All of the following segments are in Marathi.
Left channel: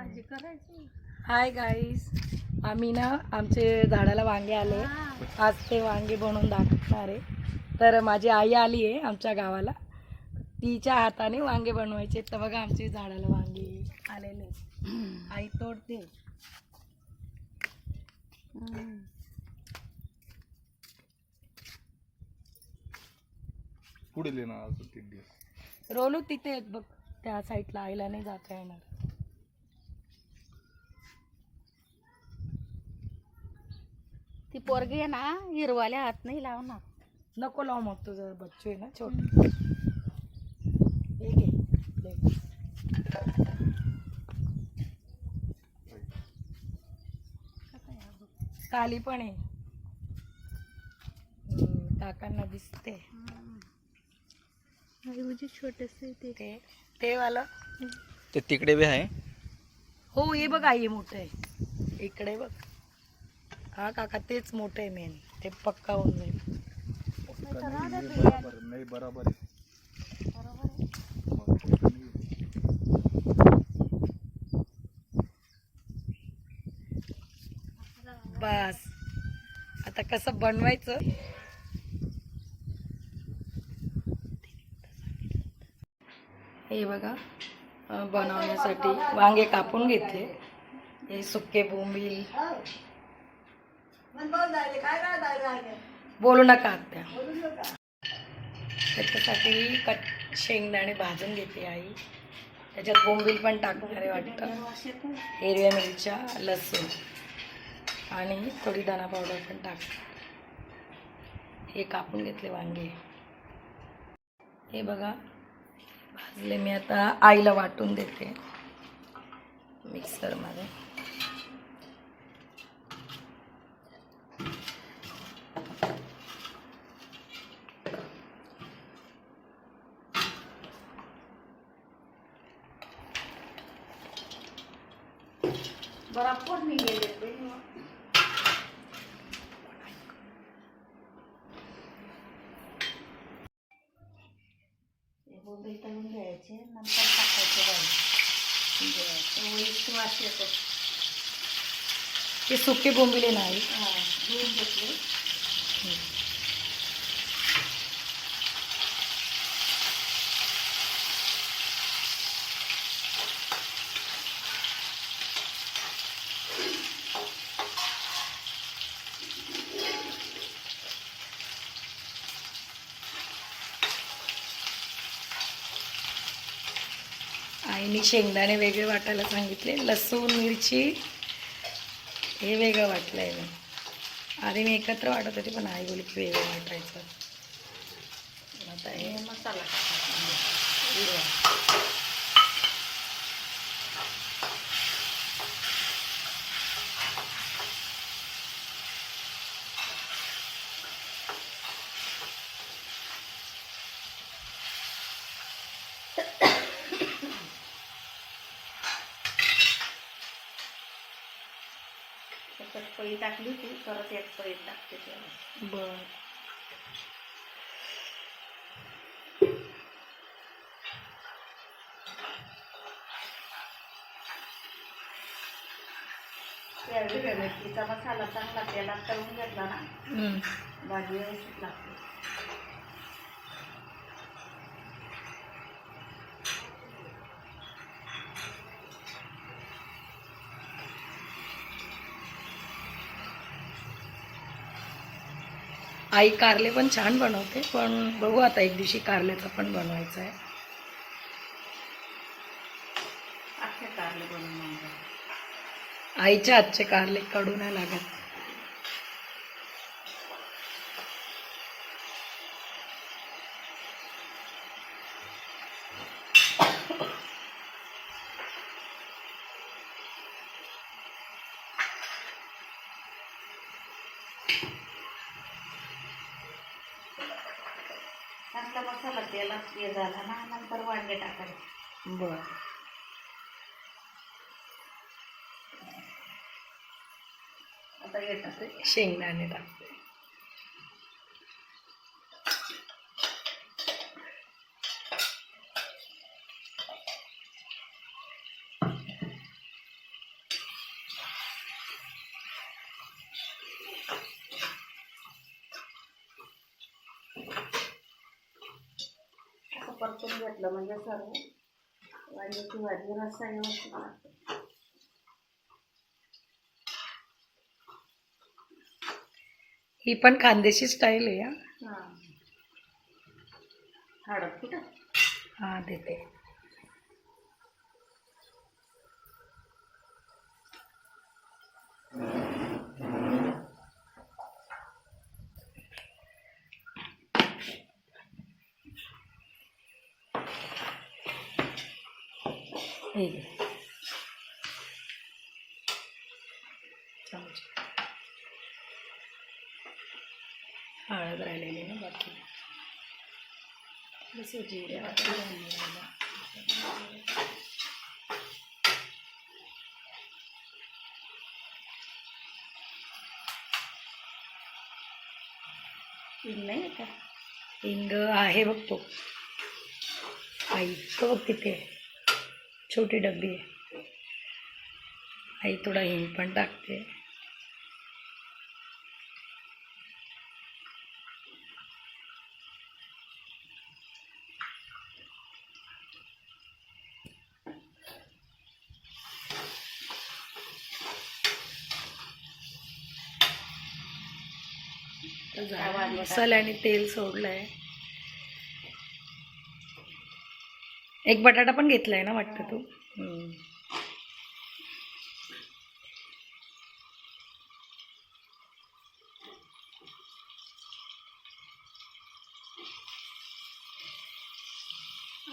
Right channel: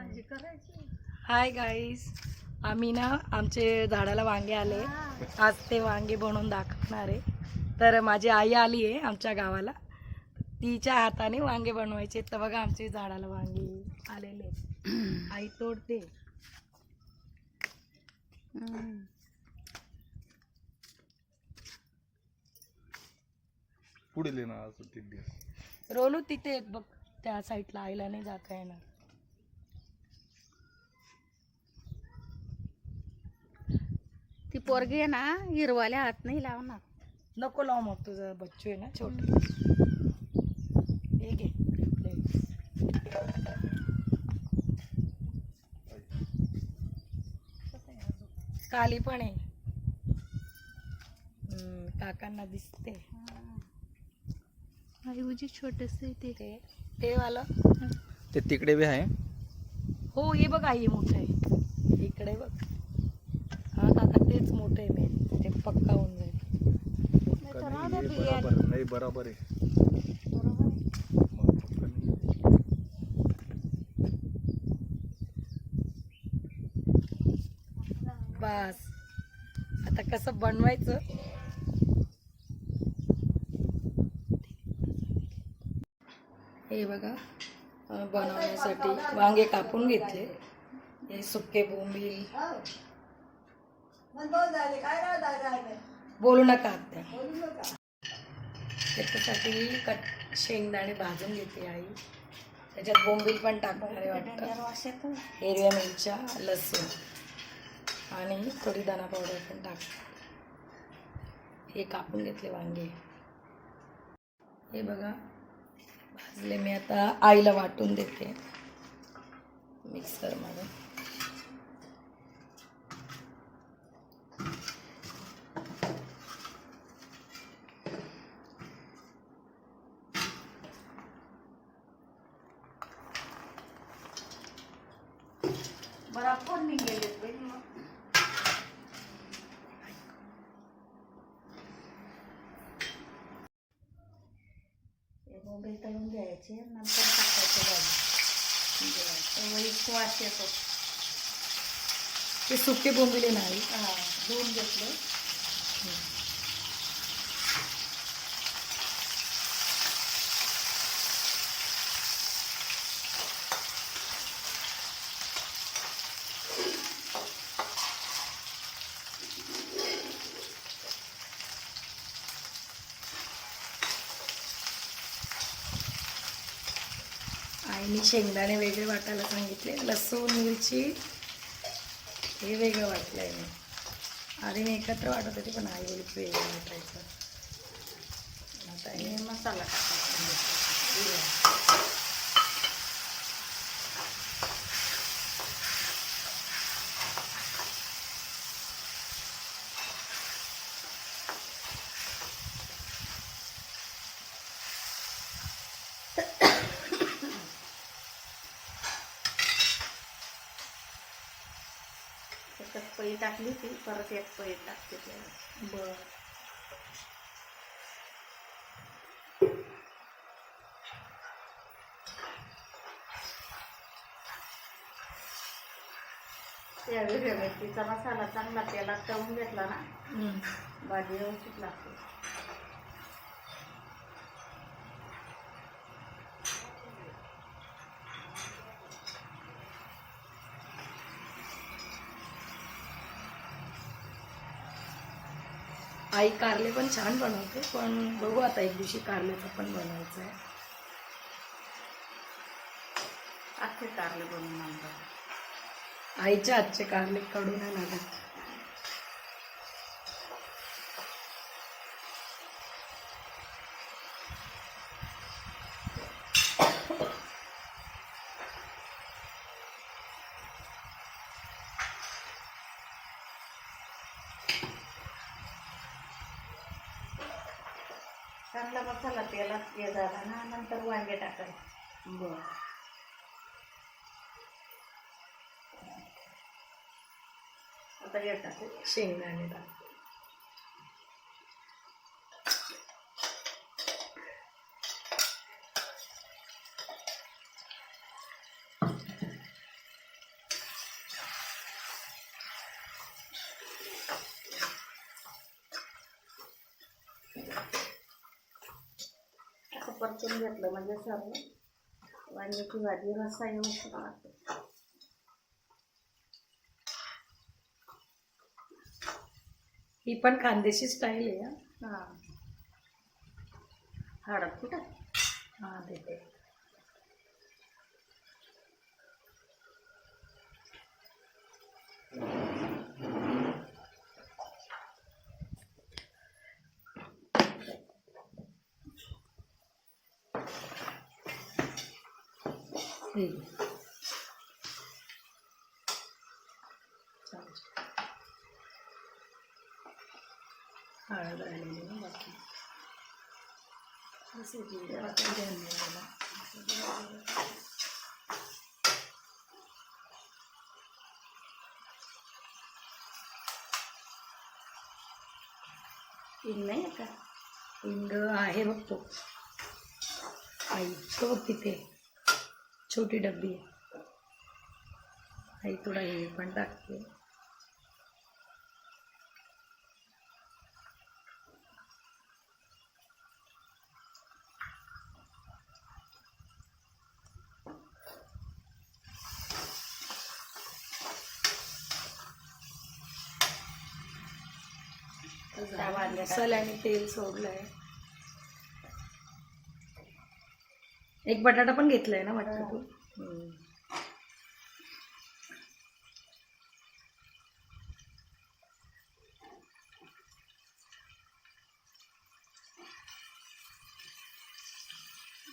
हाय गाईस, आम्ही ना आमचे झाडाला वांगे आले. आज ते वांगे बनवून दाखवणार आहे. तर माझी आई आली आहे आमच्या गावाला, तिच्या हाताने वांगे बनवायचे. तर बघा आमच्या झाडाला वांगे आलेले. आई तोडते. पुढे ले ना आज 3 दिवस रोलू तिथे आहेत बघ, त्या साईडला. आईला नाही जाता येणार. ती पोरगी आहे ना, हिरवाल्या हात नाही लावणार. नको लाव, मग तुझं बच्चू आहे ना छोटं. हे घे प्लेट. काली पण आहे. काकांना दिसते छोटसे ते वाला. ते तिकडे बी आहे. हो, हे बघ आई मोठं आहे इकडे बघ. हा काका तेच मोठं आहे मेन, ते पक्का होऊन जाईल. नाही बरोबर आहे. बस आता कसं बनवायचं. हे बघा, बनवण्यासाठी वांगे कापून घेतले. हे सुके बोंबील. बोलू नका आत्या. त्याच्यासाठी शेंगदाणे भाजून घेते आई. त्याच्यात बोंबील पण टाकणार आहे वाटतं. हिरव्या मिरच्या, लसूण आणि थोडी धना पावडर पण टाकणार. हे कापून घेतले वांगे. हे बघा भाजले. मी आता आईला वाटून देते मिक्सरमध्ये. बरोबर मी गेले बोंबील तळून घ्यायचे, नंतर टाकायचे भाजी. वास येतो. ते सुके बोंबिले नाही धुवून घेतले. आईने शेंगदाणे वेगळे वाटायला सांगितले. लसूण मिरची हे वेगळं वाटलं आहे. मी आधी मी एकत्र वाटत होते, पण आई बोलली की वेगळं वाटायचं. आता हे मसाला पळी टाकली होती, परत एक पळी टाकते त्याला. बरं. त्यावेळी मेथीचा मसाला चांगला तेलात तळून घेतला ना, भाजी व्यवस्थित लागते. आई कारले पण छान बनवते, पण बघू आता एक दिवशी कारलेचं पण बनवायचं आहे. अख्खे कारले बनवून आणतात. आईच्या हातचे कारले कडू नाही लागत. चांगला मसाला तेलात हे झाला ना, नंतर वांगे टाकायचे. बरं. आता हे टाकते शेंगदाणे टाकते. परतून घेतलं म्हणजे सर्व वांग्याची भाजी रस्सा व्यवस्थित लागतो. ही पण खानदेशी स्टाईल आहे हा. हां हळद कुठं हा देते. हे घे. चमचे. हळद राहिलेली ना बाकी. जसं जिरे बाकी राहिलं राहिलं. हिंग नाही आहे का? हिंग आहे बघ तो. आई तो तिथे छोटी डब्बी आहे. आई थोडा हिंग पण टाकते. मसाल्याने तेल सोडलंय. एक बटाटा पण घेतलाय ना वाटतं तू.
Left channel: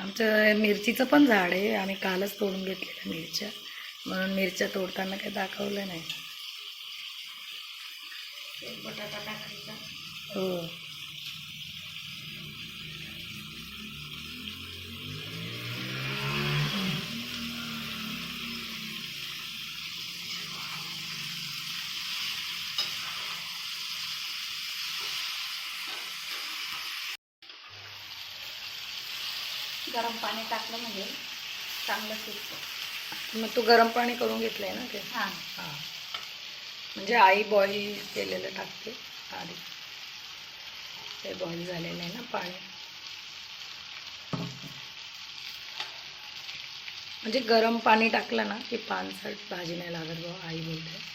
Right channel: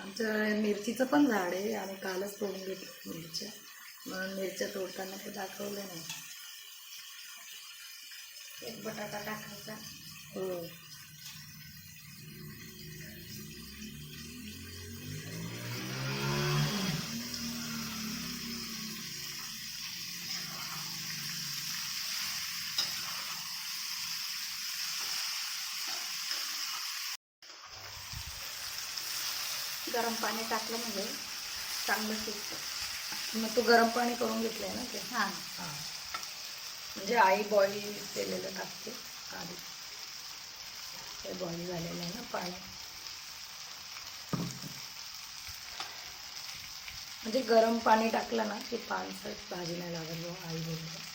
आमचं मिरचीचं पण झाड आहे. आम्ही कालच तोडून घेतलेल्या मिरच्या, म्हणून मिरच्या तोडताना काही दाखवलं नाही. एक बटाटा टाकायचा. हो. गरम पाणी टाकलं म्हणजे चांगलं शिजतं. मग तू गरम पाणी करून घेतलंय ना ते. हां हां, म्हणजे आई बॉईल केलेलं टाकते आधी. ते बॉईल झालेलं आहे ना पाणी. म्हणजे गरम पाणी टाकलं ना की पानसट भाजी नाही लागत बघ, आई बोलते.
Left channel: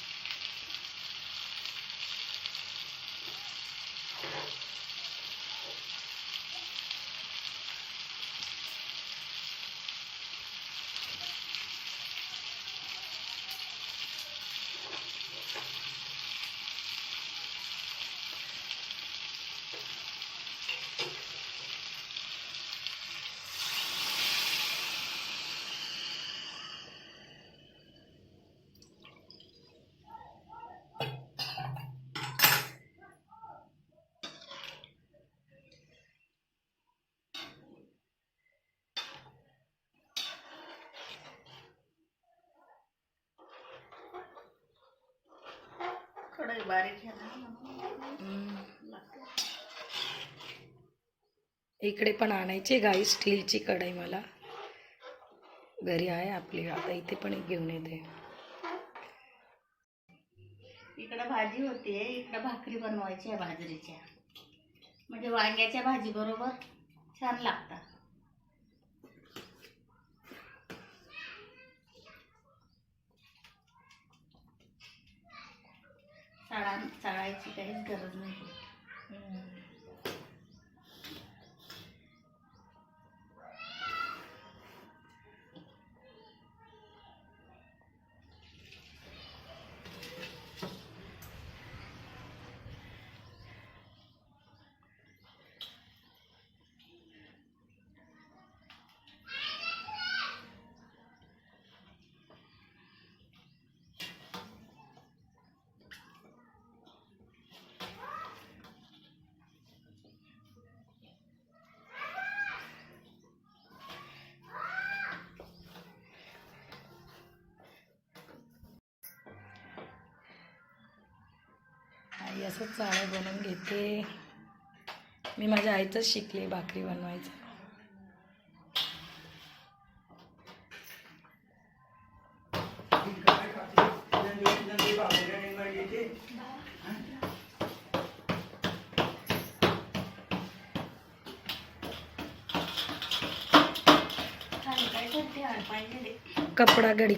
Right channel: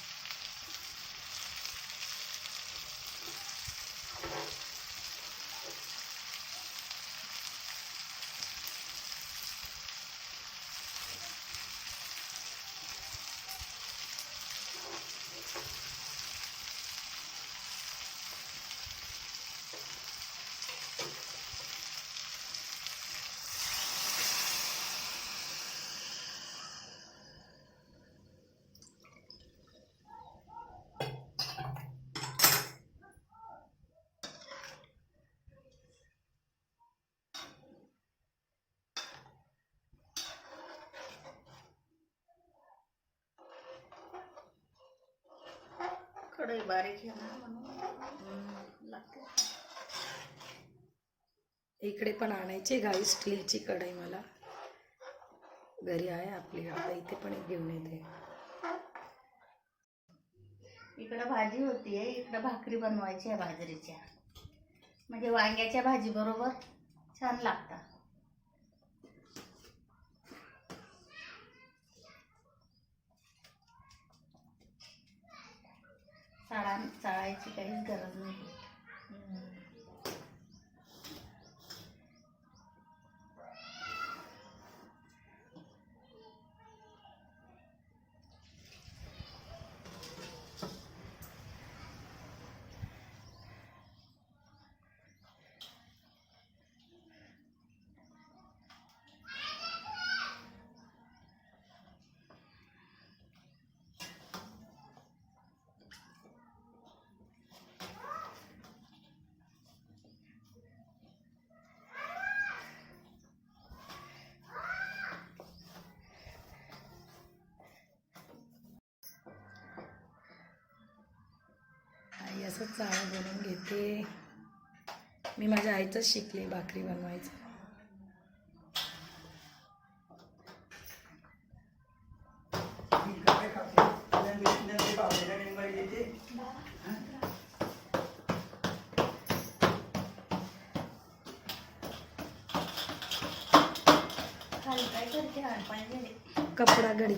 कढई बारीक आहे ना लागते. इकडे पण आणायची गाई स्टीलची कढई. मला घरी आहे आपली, आता इथे पण एक घेऊन येते. इकडे भाजी होतीये, इकडे भाकरी बनवायची आहे बाजरीच्या. म्हणजे वांग्याच्या भाजी बरोबर छान लागतात. चाळायची काहीच गरज नाही. आई असंच चाळे बनवून घेते. मी माझ्या आईचंच शिकले भाकरी बनवायचं. करते हाड पाहिजे कपडा घडी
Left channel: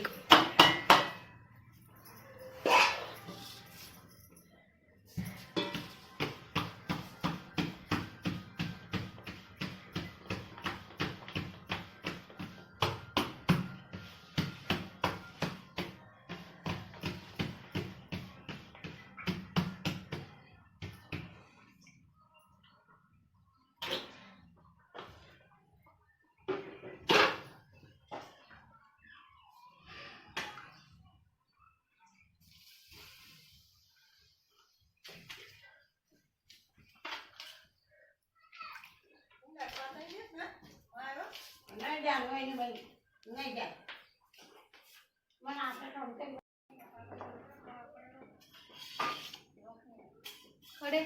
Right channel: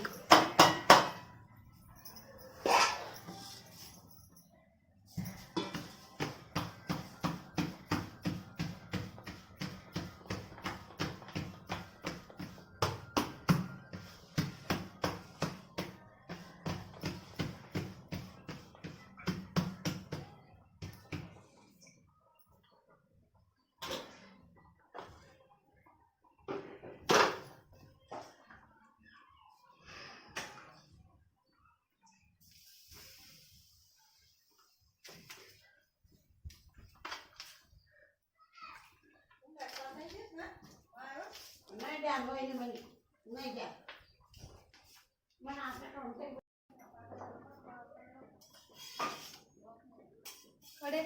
कडे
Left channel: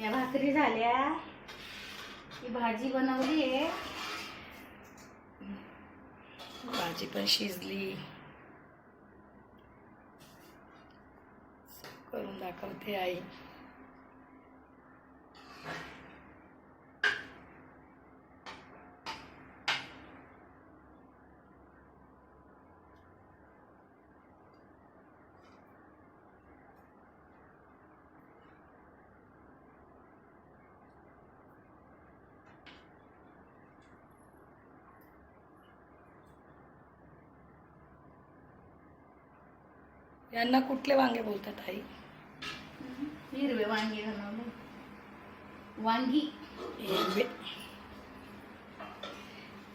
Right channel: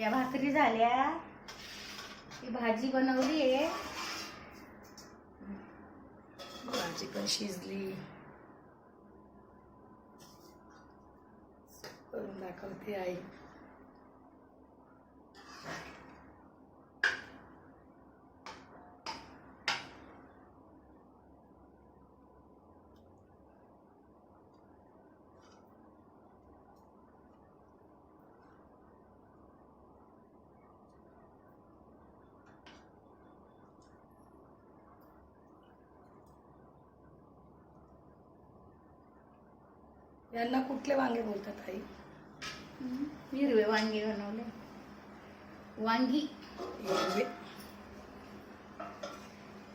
या भाकरी झाल्या. ही भाजी बनवली आहे. भाजी पण शिजली. करून दाखवते आई. यांना कुठले वांगे बोलतात आई? हिरवे वांगी बनवले. वांगी हिरवे.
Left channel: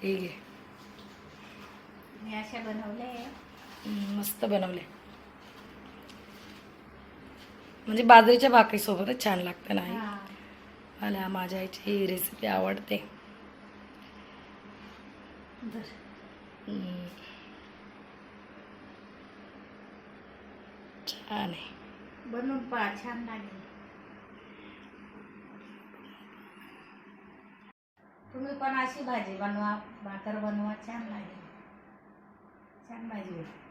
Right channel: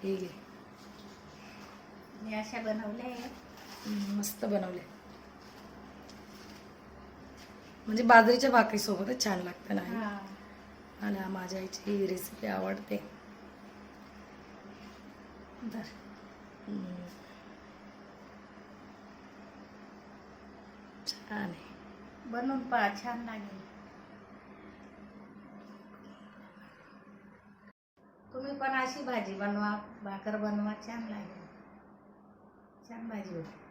हे घे. मी अशा बनवले. मस्त बनवले. म्हणजे बाजरीच्या भाकरी सोबतच छान लागतं ना आई? हा. मला माझ्या आईची ही रेसिपी आवडते. छान आहे. बनवून पहा, छान लागेल. तुम्ही पण अशी भाजी बनवा, भाकर बनवा, छान लागेल. छान भाजी होईल.